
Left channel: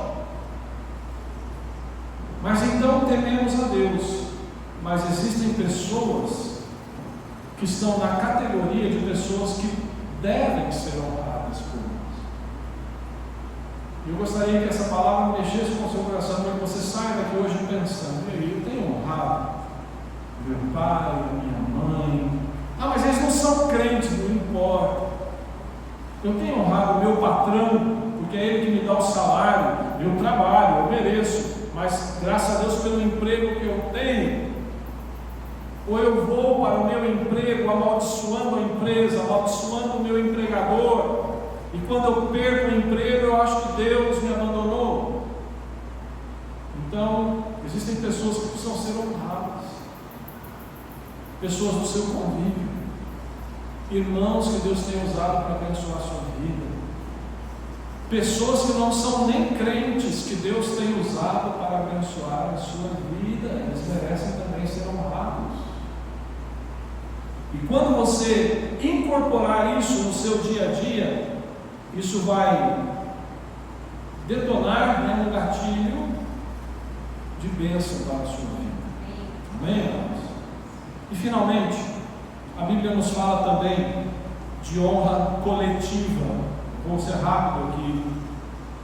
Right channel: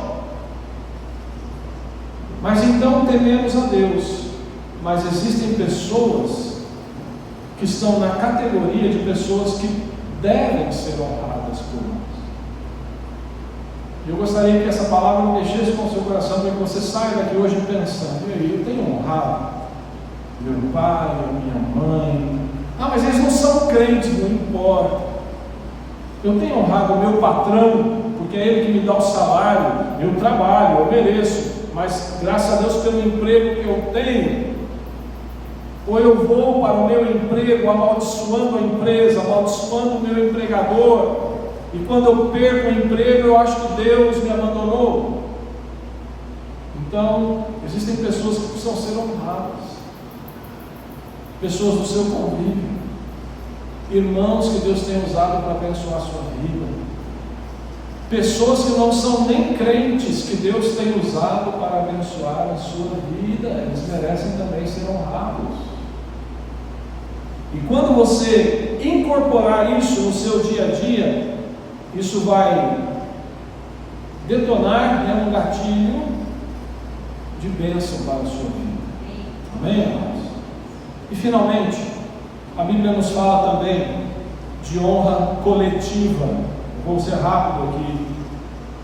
Mas então tememos a Deus. Mas existem pessoas que estão na categoria de pessoas que devem ser honradas por nós. Eu gostaria que essa palavra mexesse com o seu coração, para que você saia daqui hoje pensando: e aí, eu tenho honrado meu pai, a minha mãe. Ah, mas eles não são crentes, não importa. Eu tenho honrado o meu patrão, porque é ele que me dá o salário, eu trabalho, eu mereço, mas graças a Deus pelo emprego que eu tenho. Ou eu vou para o meu emprego amaldiçoando a empresa, amaldiçoando o meu empregador, e quando eu perco o emprego eu acho que Deus me abandonou. Então, existem pessoas que precisam ser honradas, pessoas do seu convívio, irmãos que Deus tem usado para abençoar a sua vida, pessoas que não são nem crentes que Deus tem usado para abençoar a sua vida. Eles merecem também ser honrados. E quando você incorporar isso no seu dia a dia, isso vai detonar um gatilho de bênção para a sua vida. Amém, amados? E finalmente, a Bíblia nos fala também de honra coletiva. Vou ser rápido aqui.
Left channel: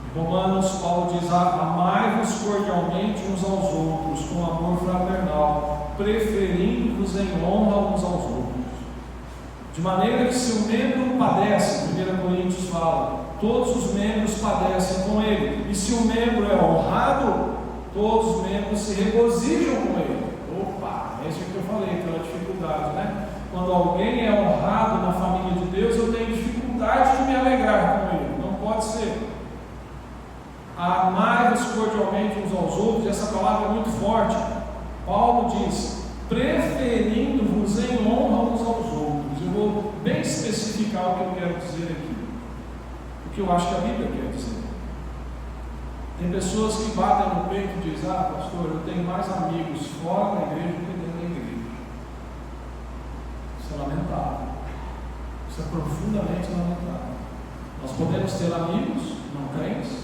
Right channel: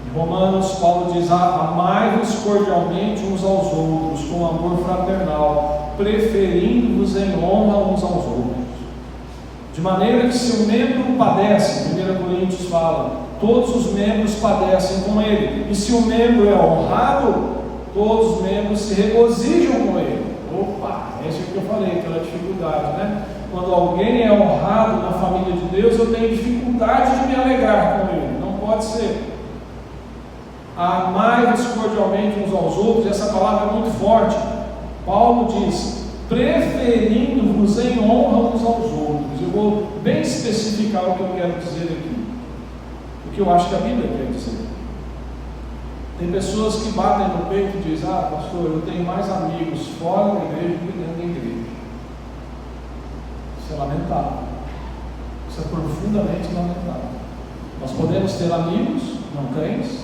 Em Romanos, Paulo diz: amai-vos cordialmente uns aos outros, com amor fraternal, preferindo-vos em honra uns aos outros. De maneira que se o membro padece, 1 Coríntios fala, todos os membros padecem com ele. E se o membro é honrado, todos os membros se regozijam com ele. Opa, é isso que eu falei, aquela dificuldade, né? Quando alguém é honrado na família de Deus, eu tenho dificuldade de me alegrar com ele. Não pode ser. Amai-vos cordialmente uns aos outros. Essa palavra é muito forte. Paulo diz: preferindo-vos em honra uns aos outros. Eu vou bem especificar o que eu quero dizer aqui, o que eu acho que a Bíblia quer dizer. Tem pessoas que batem no peito e dizem: ah, pastor, eu tenho mais amigos fora da igreja do que dentro da igreja. Isso é lamentável. Isso é profundamente lamentável. Nós podemos ter amigos não crentes,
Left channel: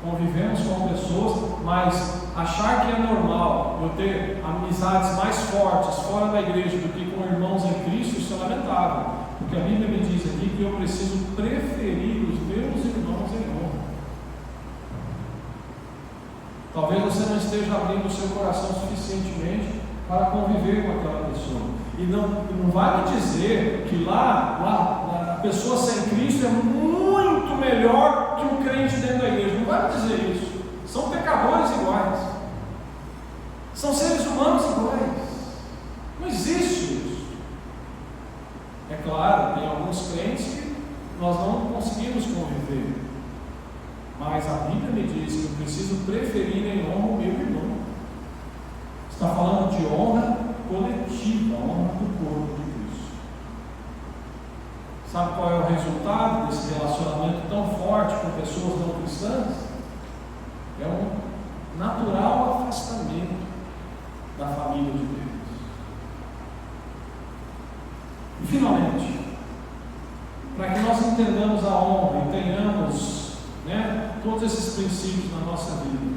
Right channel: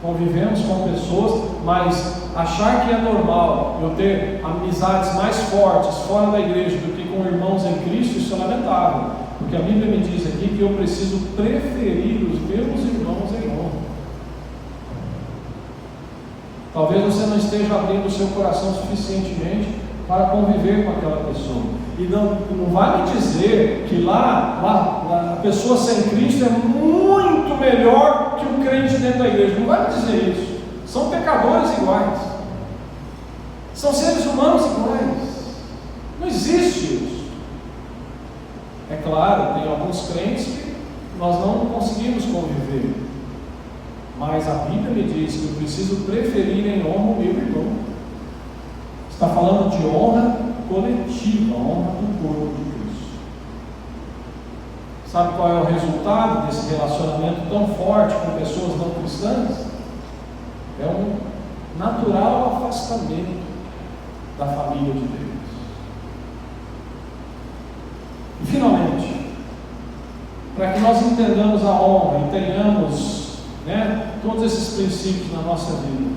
convivemos com pessoas, mas achar que é normal eu ter amizades mais fortes fora da igreja do que com irmãos em Cristo, isso é lamentável, porque a Bíblia me diz aqui que eu preciso preferir os meus irmãos em honra. Talvez você não esteja abrindo o seu coração suficientemente para conviver com aquela pessoa, e não vai me dizer que lá a pessoa sem Cristo é muito melhor que o crente dentro da igreja. Não vai me dizer isso. São pecadores iguais, são seres humanos iguais. Não existe isso. É claro, tem alguns crentes que nós não conseguimos conviver, mas a Bíblia me diz que eu preciso preferir em honra o meu irmão. Está falando de honra coletiva, honra do corpo de Cristo. Sabe qual é o resultado desse relacionamento tão forte com pessoas não cristãs? É um natural afastamento da família de Deus. E finalmente, para que nós entendamos a honra e tenhamos todos esses princípios na nossa vida,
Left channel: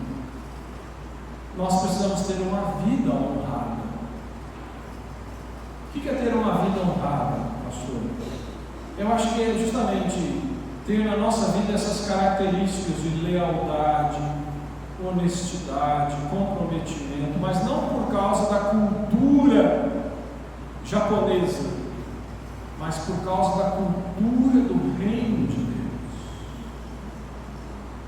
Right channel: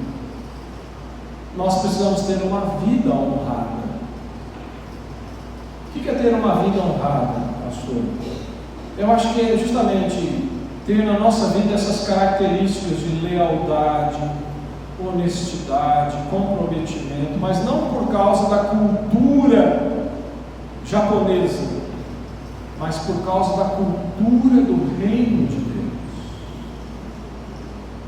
nós precisamos ter uma vida honrada. O que é ter uma vida honrada, pastor? Eu acho que é justamente ter na nossa vida essas características de lealdade, honestidade, comprometimento, mas não por causa da cultura japonesa, mas por causa da cultura do reino de Deus.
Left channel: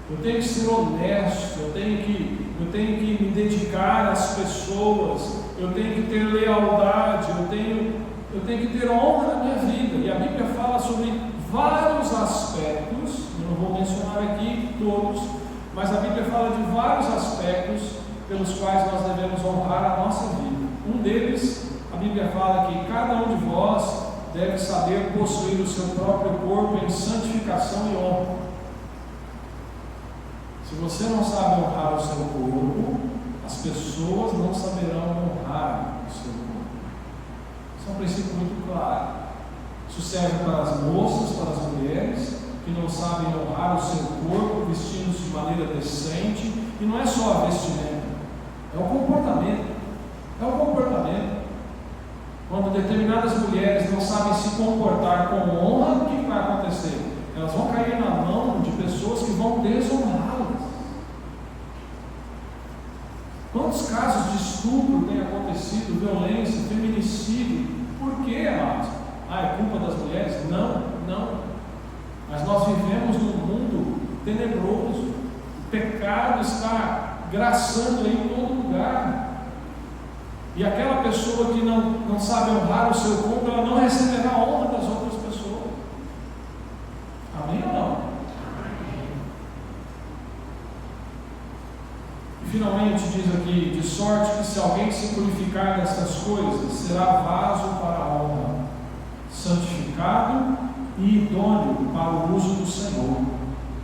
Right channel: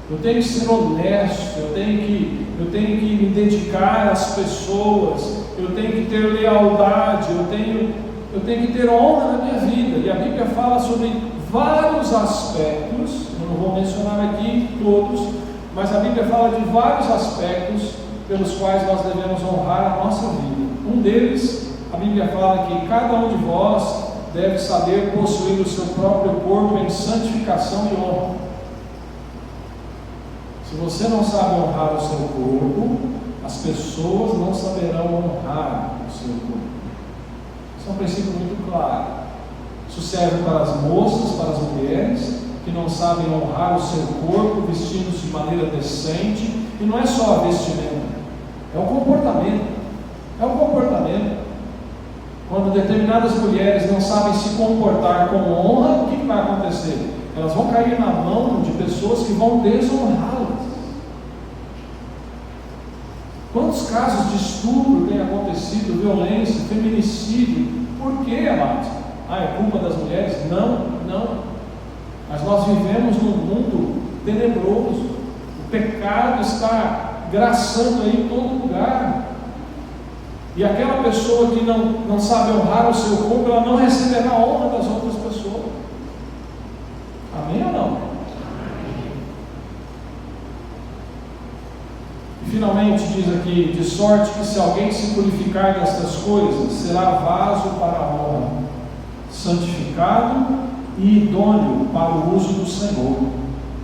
Eu tenho que ser honesto, eu tenho que me dedicar às pessoas, eu tenho que ter lealdade, eu tenho que ter honra na minha vida. E a Bíblia fala sobre vários aspectos, eu não vou mencionar aqui todos, mas a Bíblia fala de vários aspectos pelos quais nós devemos honrar a nossa vida. Um deles a Bíblia fala que cada um de vós deve saber possuir o seu próprio corpo em santificação e honra. Se você não sabe honrar o seu corpo, as pessoas não saberão honrar o seu corpo. Isso é um princípio muito claro. Isso serve para as moças, para as mulheres que não sabem honrar o seu corpo, vestindo-se de maneira decente. E não é só a vestimenta, é o comportamento. É o comportamento. Quando determinadas mulheres não sabem se comportar com honra, o que vai acontecer? Elas vão cair na mão de pessoas que vão desonrá-las. Quantos casos de estupro têm acontecido, violência, feminicídio? Por quê, amados? É culpa das mulheres? Não. Mas nós vivemos num mundo tenebroso. O pecado está graçando aí em todo lugar. E aquela pessoa que não sabe honrar o seu corpo, ela não receberá a honra das outras pessoas. Amém ou não? E finalmente diz aqui: de sorte que se alguém se purificar destas coisas, será vaso para a honra, santificado e idôneo para o uso do Senhor,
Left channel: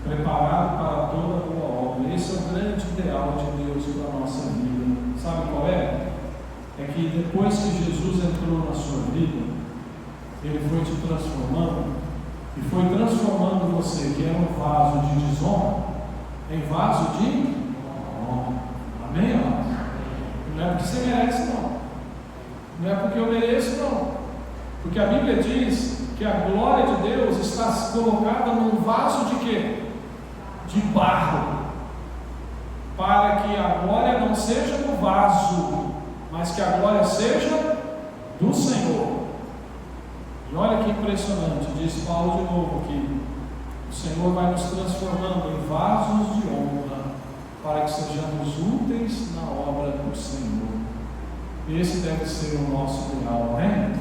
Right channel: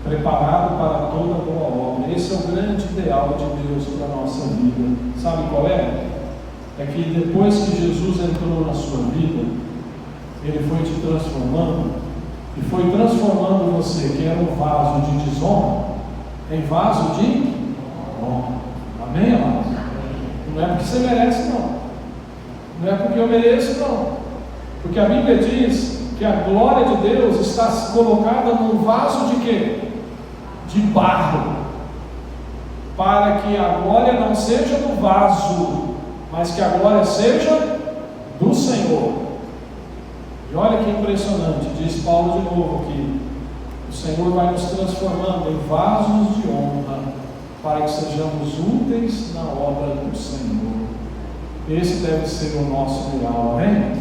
preparado para toda boa obra. Esse é o grande ideal de Deus para a nossa vida. Sabe qual é? É que depois que Jesus entrou na sua vida, Ele foi te transformando, e foi transformando você, que era um vaso de desonra, em vaso de honra. Amém, amados? Não é porque você merece, não. Não é porque eu mereço, não. Porque a Bíblia diz que a glória de Deus está colocada num vaso de quê? De barro. Para que a glória não seja do vaso, mas que a glória seja do Senhor. E olha que impressionante, diz Paulo de novo aqui: o Senhor vai nos transformando em vasos de honra, para que sejamos úteis na obra do Senhor. Esse deve ser o nosso ideal, amém?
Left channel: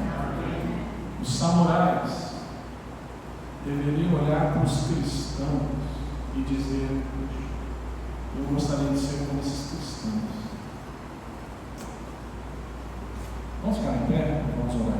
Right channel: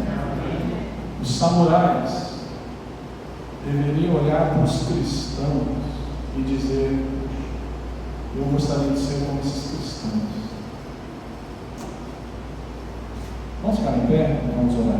Os samurais deveriam olhar para os cristãos e dizer: eu gostaria de ser como esses cristãos. Vamos ficar em pé? Vamos orar.